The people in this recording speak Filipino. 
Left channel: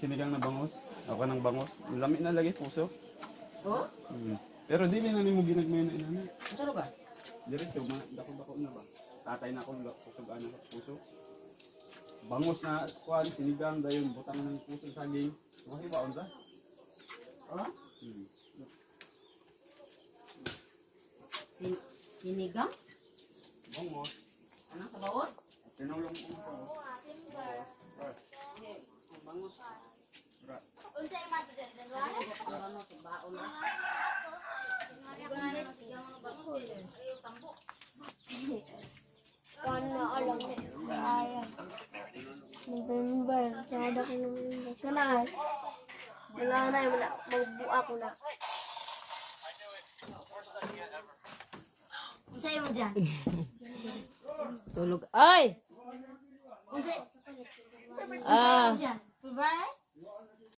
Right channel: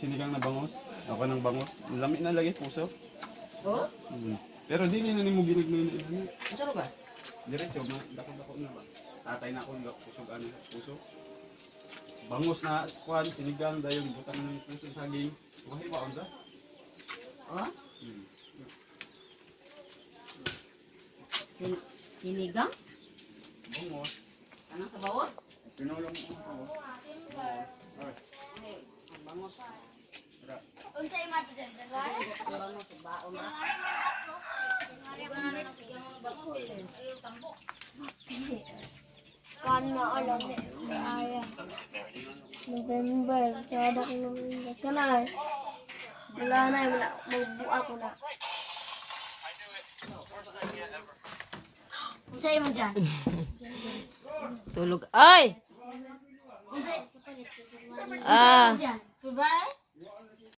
Sinigang na bangus. Ako ng bangus. Lami na lagi puso. Oh? Pero di na nimo ginagmay na. Saan ka? Diretso, dako-dako na ba? Tatay na ako ng puso ano puso. Bangus na kuan sinigang dayon butang na ng puso saging. Mahiwa unsa? Oh? Sinigang? Bangus. Ano sa bawon? Pinulong ko pa. Bangus. Unsay mato dyan? Bangus sa baon na. Kana alam ni Kaya. November, tsada ko November. So na, wala na, magbuka ko na. Unsay man dyan? Tulog. Ay! Unsay? Ah! Dyan? Bye-bye?